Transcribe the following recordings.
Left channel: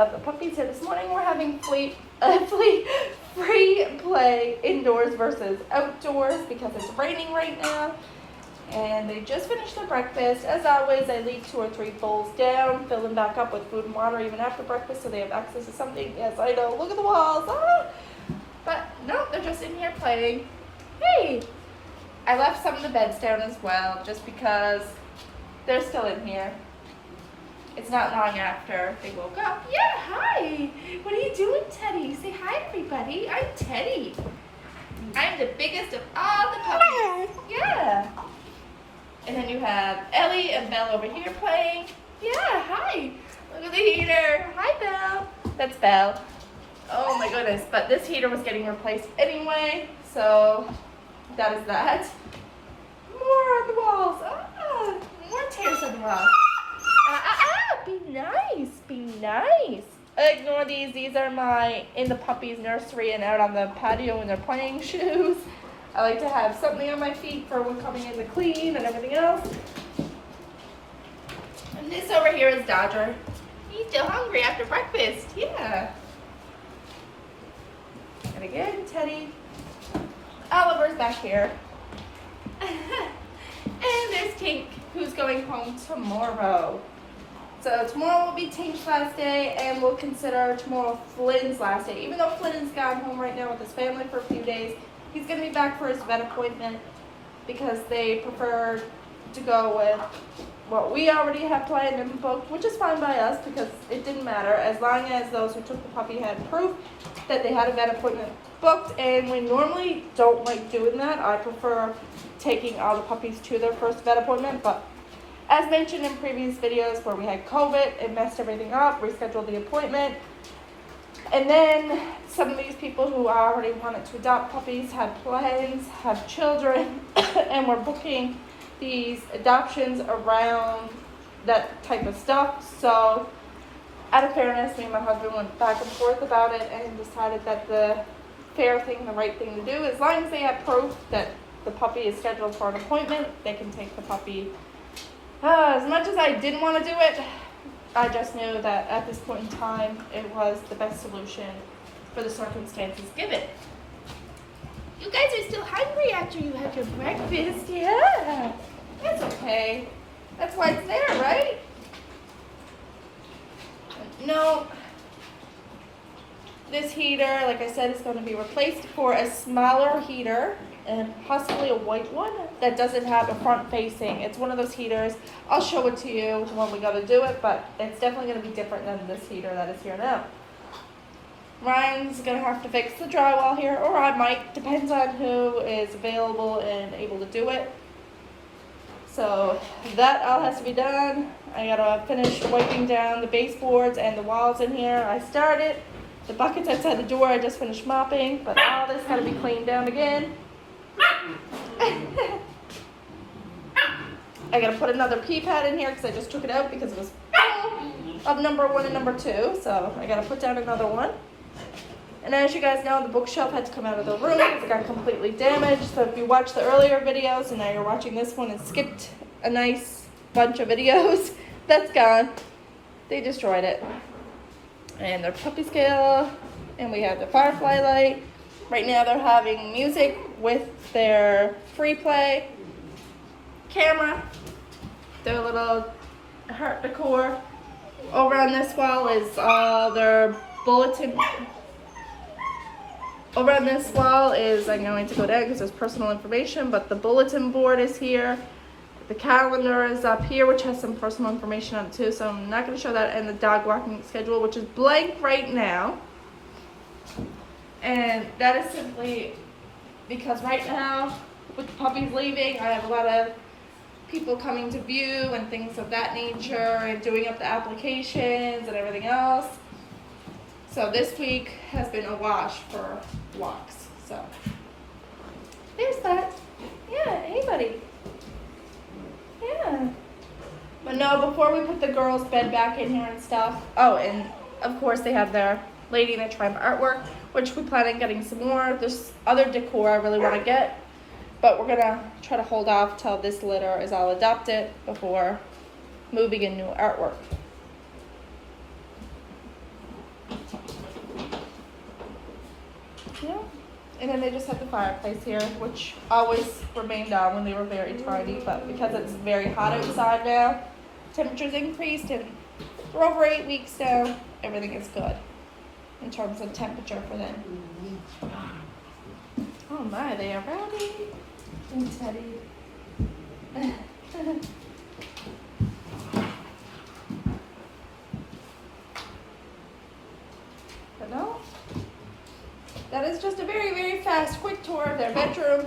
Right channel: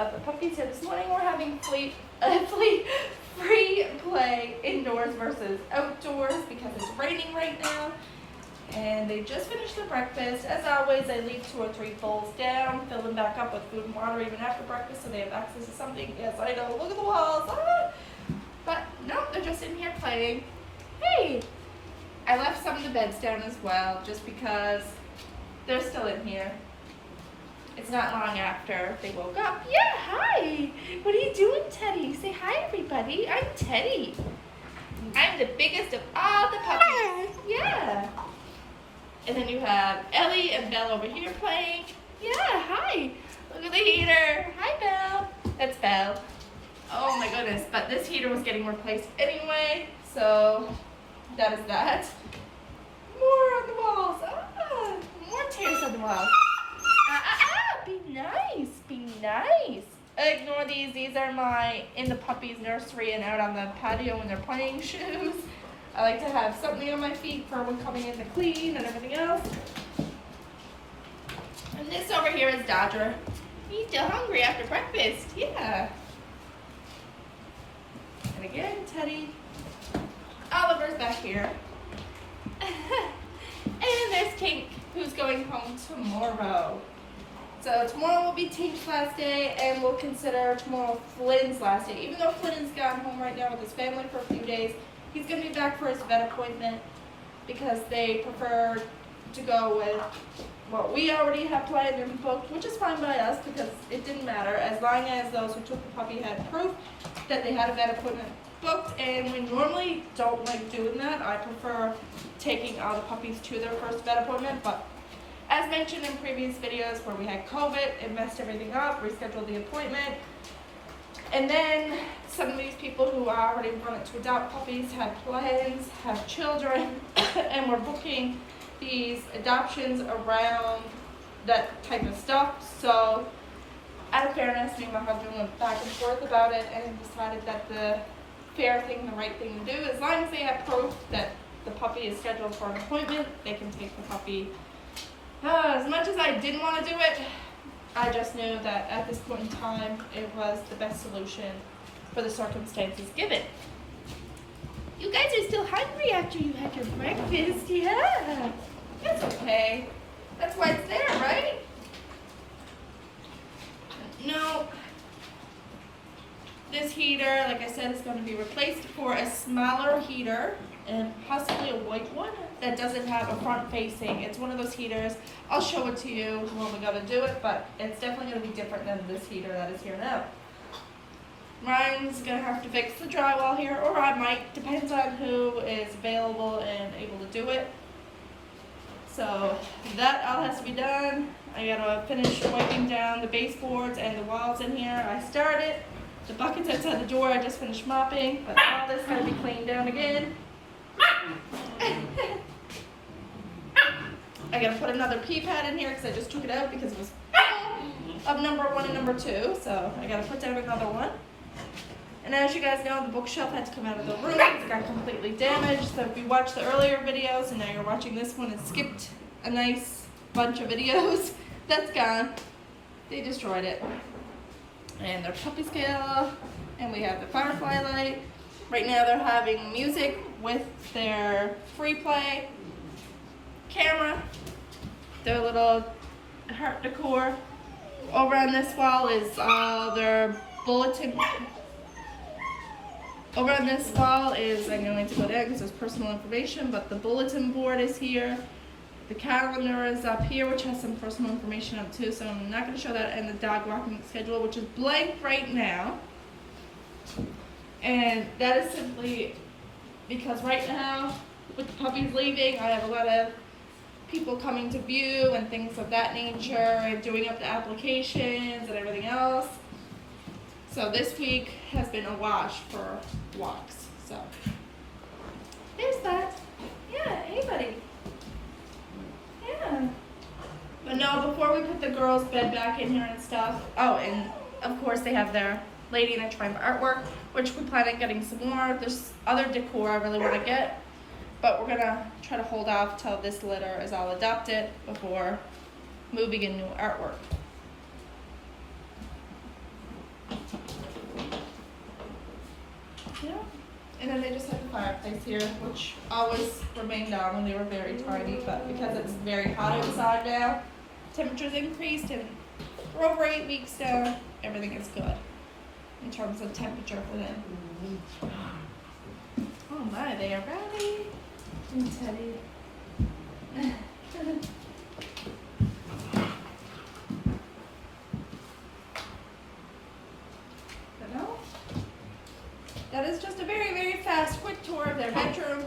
of the puppies here this morning. We're having free play indoors versus outdoors because it's raining right now. And they just finished their breakfast. As always, I leave 2 or 3 bowls down, fill them back up with food and water even after breakfast so they have access to something. Yes, I know, look at the walls. Ah! But no, they're just in here playing. Hey! I left some of the beds down as well just because they're still in here. It's not long after they woke up. Yeah, hi. What are you doing, Teddy? Say hi, everybody. I'm Teddy. I'm the biggest of all the puppies. Yeah. And then you have Ellie and Belle over here playing. Yeah, hi. Look at the heater. Hi, Belle. That's Belle. Oh my goodness. But this heater was getting replaced anyway, so that is that. More on the walls. Ah, more tears on the walls. Be nice, be nice. Ignore these. These are my in the puppies nursery and out on the patio in their playing shoes. I like to have something on my feet for when coming in to clean and everything else. And this over here is Dodger. He's still hungry after breakfast. Yeah. And again, Teddy. Oliver's back here. And there's Tink, who's going home tomorrow. So tomorrow will be Tink's last day, and we'll consider tomorrow Flynn's last day. Even though Flynn's gone home right now with his family for a few days, he's going to be back for his vet appointment because they prefer to go with what we already have planned and booked, which is fine by us because it didn't matter as long as those who took the puppy had proof that they had a vet appointment booked. And we normally don't like doing that. I prefer taking all the puppies to their first vet appointment, but as mentioned in previous videos where we had COVID, it messed everything up, rescheduled the appointment. And then some of these people who already wanted to adopt puppies had plans, have children, and were booking these adoptions around that type of stuff. So out of fairness, me and my husband went back and forth about it and decided that the fair thing, the right thing to do, as long as they have proof that the puppy is scheduled for an appointment, they can take the puppy. As much as I didn't want to do it, I just knew that at this point in time, it was the best solution for the circumstances given. You guys are still hungry after you had your breakfast. Yeah, that's okay. That's why it's there, right? No, this heater, like I said, is going to be replaced for a smaller heater and possibly a white one that doesn't have a front facing. It's one of those heaters. I'll show it to you when we go to do it, but it's definitely going to be different than this heater that is here now. Ryan's going to have to fix the drywall here, or I might, depends on who is available and able to do it. So that all has to be done. I got to finish wiping down the baseboards and the walls in here. I started. The buckets outside the door I just finished mopping, but all this had to be cleaned down again. I gotta put another pee pad in here because I just took it out because it was of number 1 and number 2. So I gotta put down another one. And as you guys know, the bookshelf had to come out of the room because it got completely damaged. So if you watched the earlier videos and now you're watching this one and skipped a nice bunch of videos, that's gone. They destroyed it. And their puppy scale, and we have the firefly light. Right now they're having music with their free play camera, their little heart decor. Over on this wall is all their bulletin. Over on this wall is, I'm going to go down because there's personal information, but the bulletin board is here. The calendar is up here, which has some personal information on it too, so I'm not going to show that, and the dog walking schedule, which is blank right now. And that is simply because right now, with the puppies leaving, I have a lot of people coming to view and things of that nature, and doing up the applications and everything else. So this week has been a wash for walks. So there's that. Yeah, hey buddy. Yeah. But no, before we put the girls' bed back in here and stuff. Oh, and of course they have their Lady in a Tramp artwork, which we plan on getting some more. There's other decor I really want to get, but we're gonna try to hold off till this litter is all adopted before moving in new artwork. Yeah. And then they just had the fireplace here, which always remained down when they were very tiny, but because it's very hot outside now, temperatures increased, and we're over 8 weeks now, everything is good in terms of temperature for them. Oh my, they are ready. I'm Teddy. But no, that is just a very, very fast, quick tour of their bedroom.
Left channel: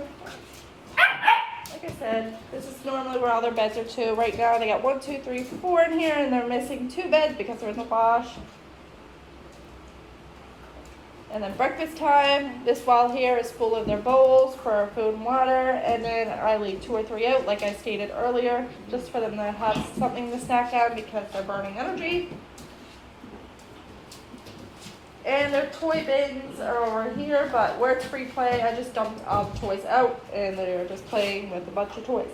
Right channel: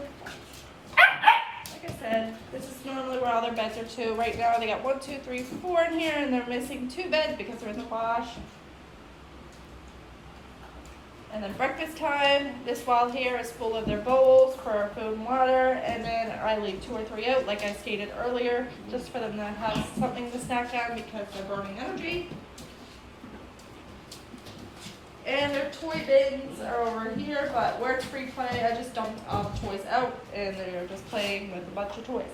Like I said, this is normally where all their beds are too. Right now they got 1, 2, 3, 4 in here, and they're missing 2 beds because there was a wash. And then breakfast time, this wall here is full of their bowls for food and water, and then I leave 2 or 3 out, like I stated earlier, just for them to have something to snack on because they're burning energy. And their toy bins are over here, but where it's free play, I just dumped all the toys out, and they're just playing with a bunch of toys.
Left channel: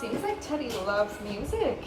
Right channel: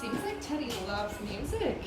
Seems like Teddy loves music.